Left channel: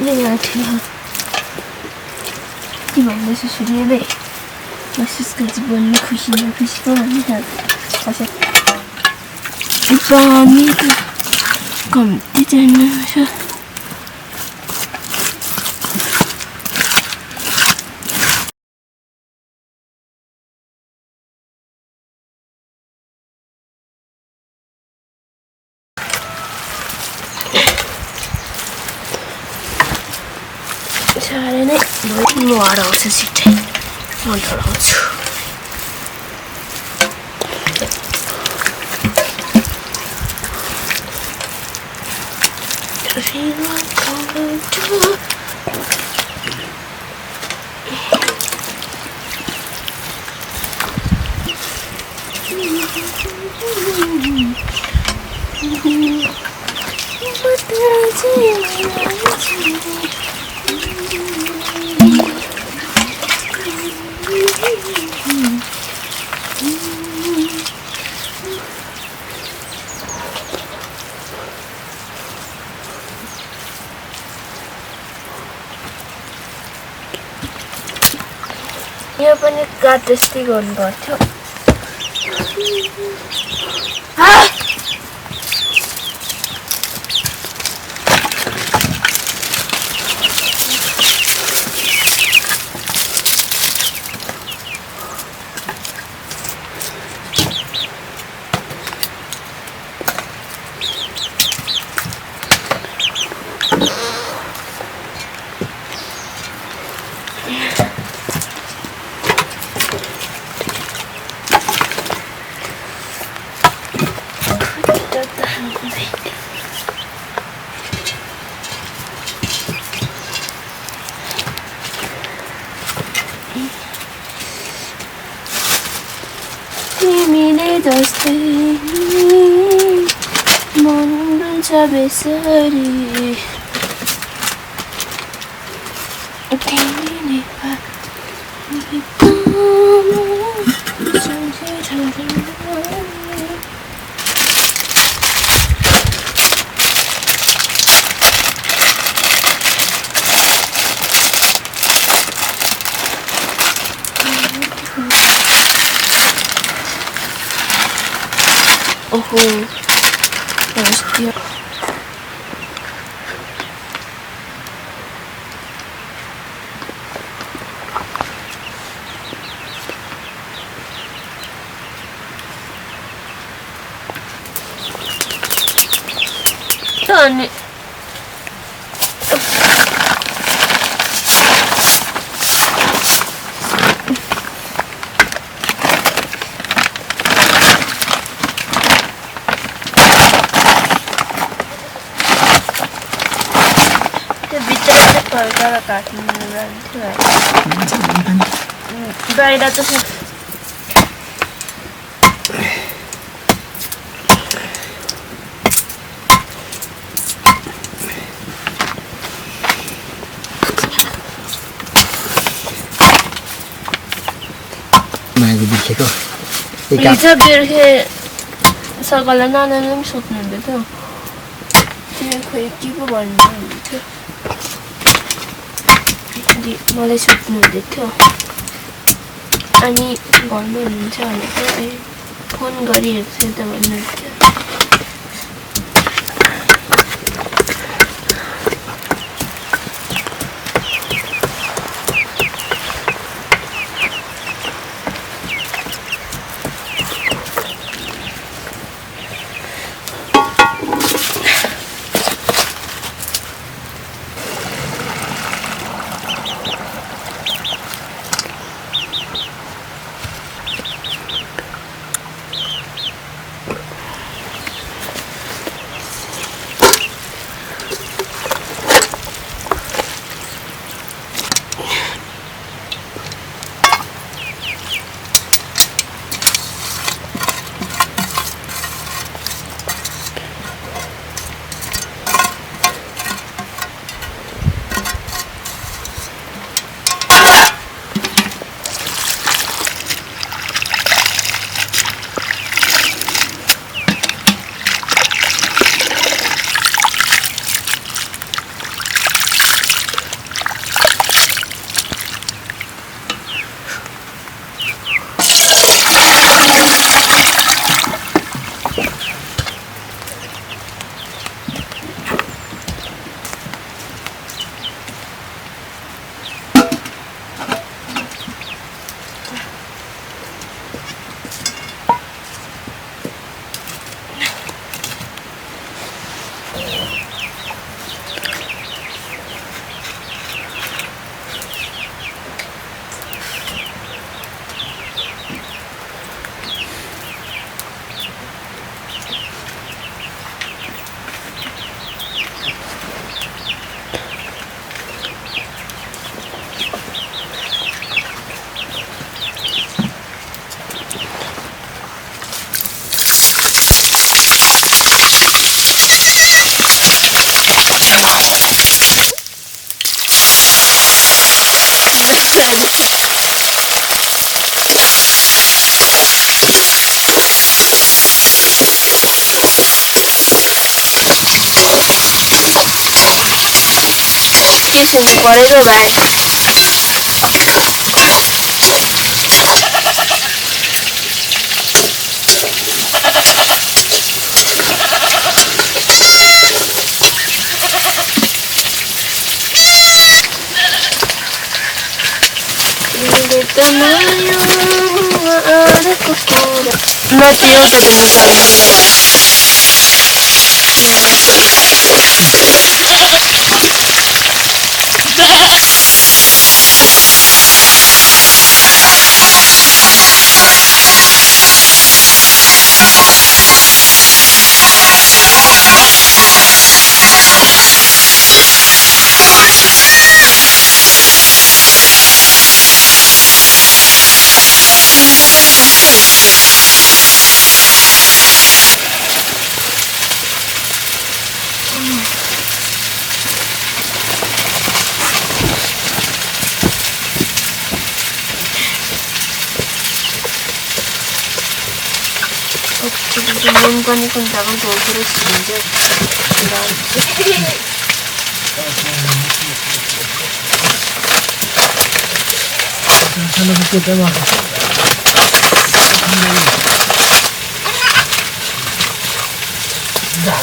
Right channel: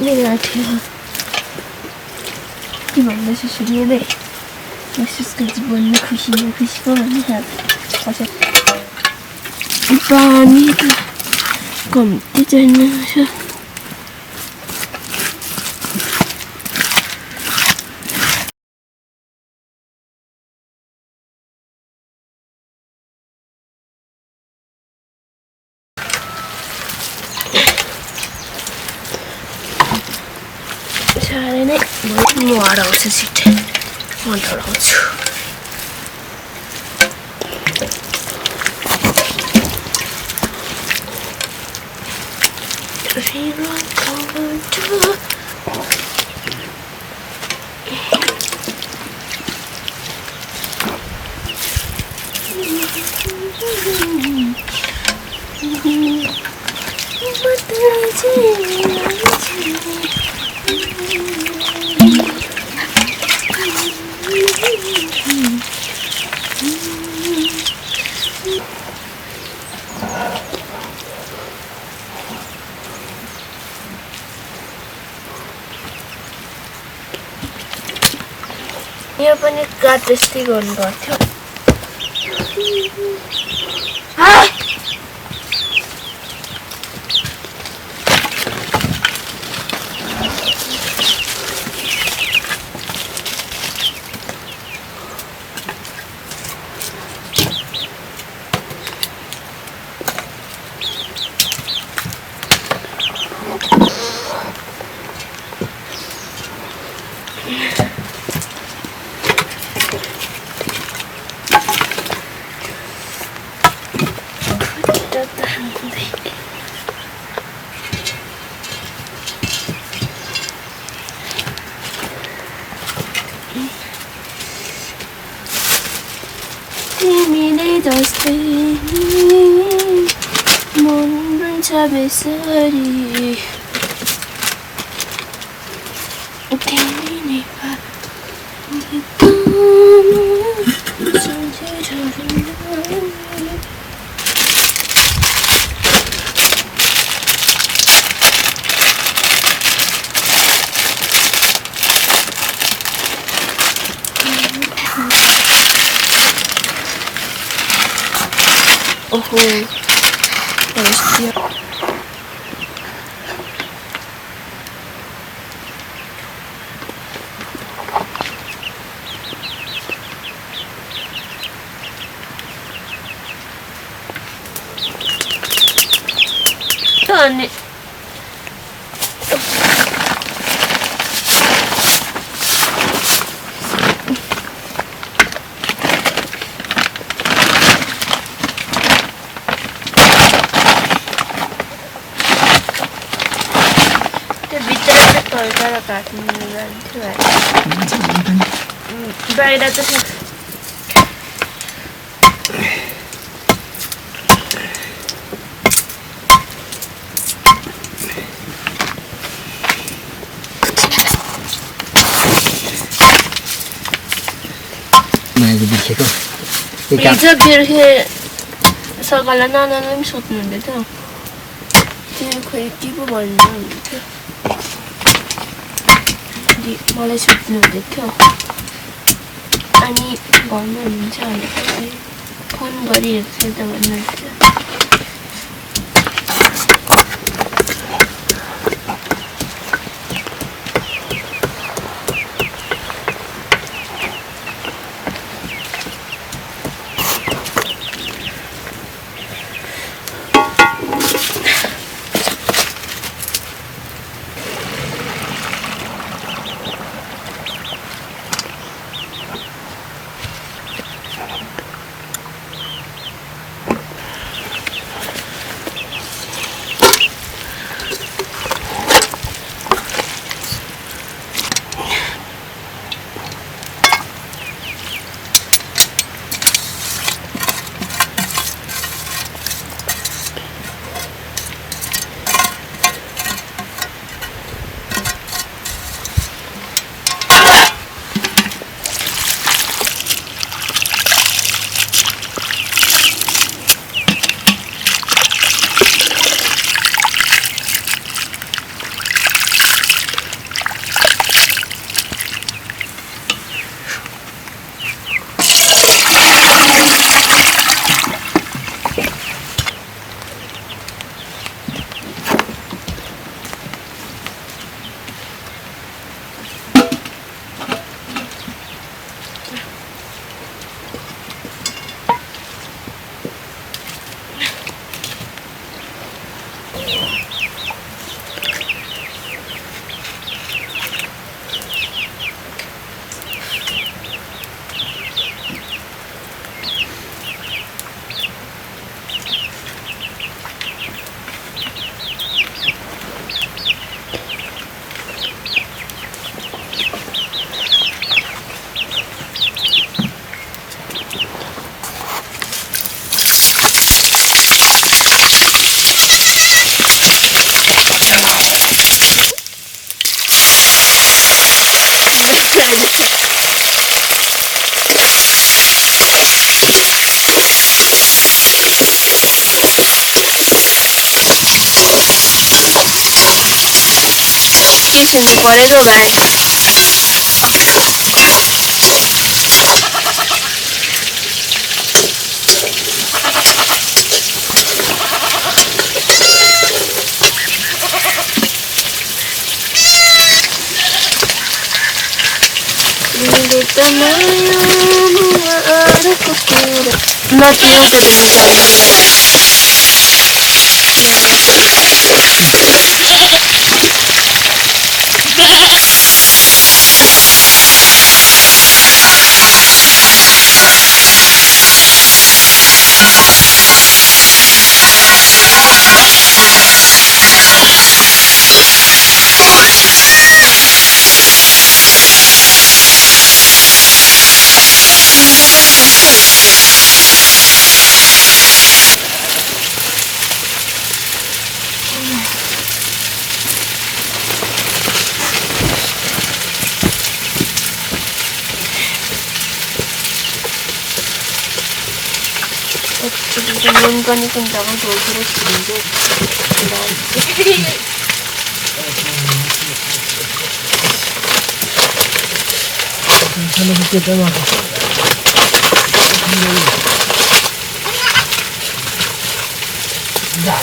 내가 제가 이번 내 수술이 돼. महसूस बोल्नु खुसी न खुसीको भन्ने कसै पानी त कम्ती चाहिने छ साह्रै नै म हराउँछु छिट्टै म डराउँछु यो पनि काट जस्तै गर्नु पर्थ्यो तिमीले जस्तै मन रुन्छ बेसरी तिमी Nepali oho hostia Tane Kalau kaki menelan tu kan, baik dah tu. Maju bikin kau. Bisa biar ke segala nana nam soknya betul. Jadi kau ibu boleh tu. मलाई सुत्नु हुँदै थियो अनि घरमा हुनुहुन्छ भनेर फोन गरिहेर्छु त भन्नुहुन्छ 계시는 거래로 말. No quiero que te me 뭔가니 손자가 돌기를 치는데 저는 그때 때마다 자.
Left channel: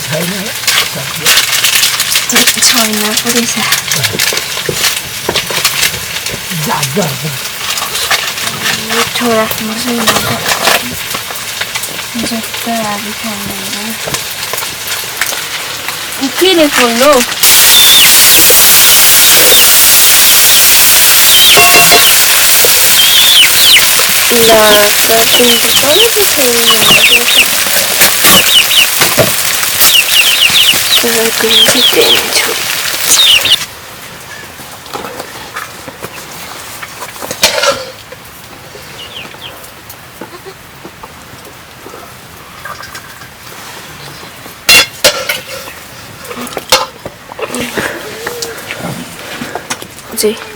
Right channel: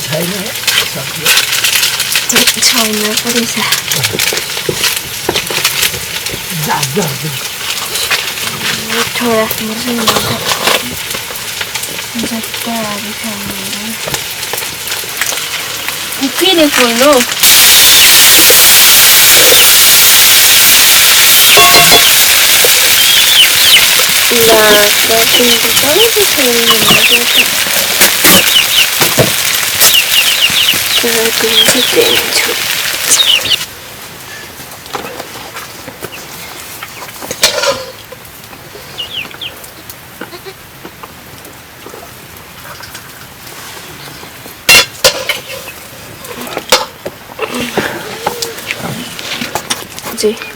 차이나? 차이나 뿌리자. 자. 저야 무슨 일인가? 진짜 아주 잘하는데. 이 피리폴로 야, 나중에 떨어져서 있는데 내가 그 인식되는 저 그치?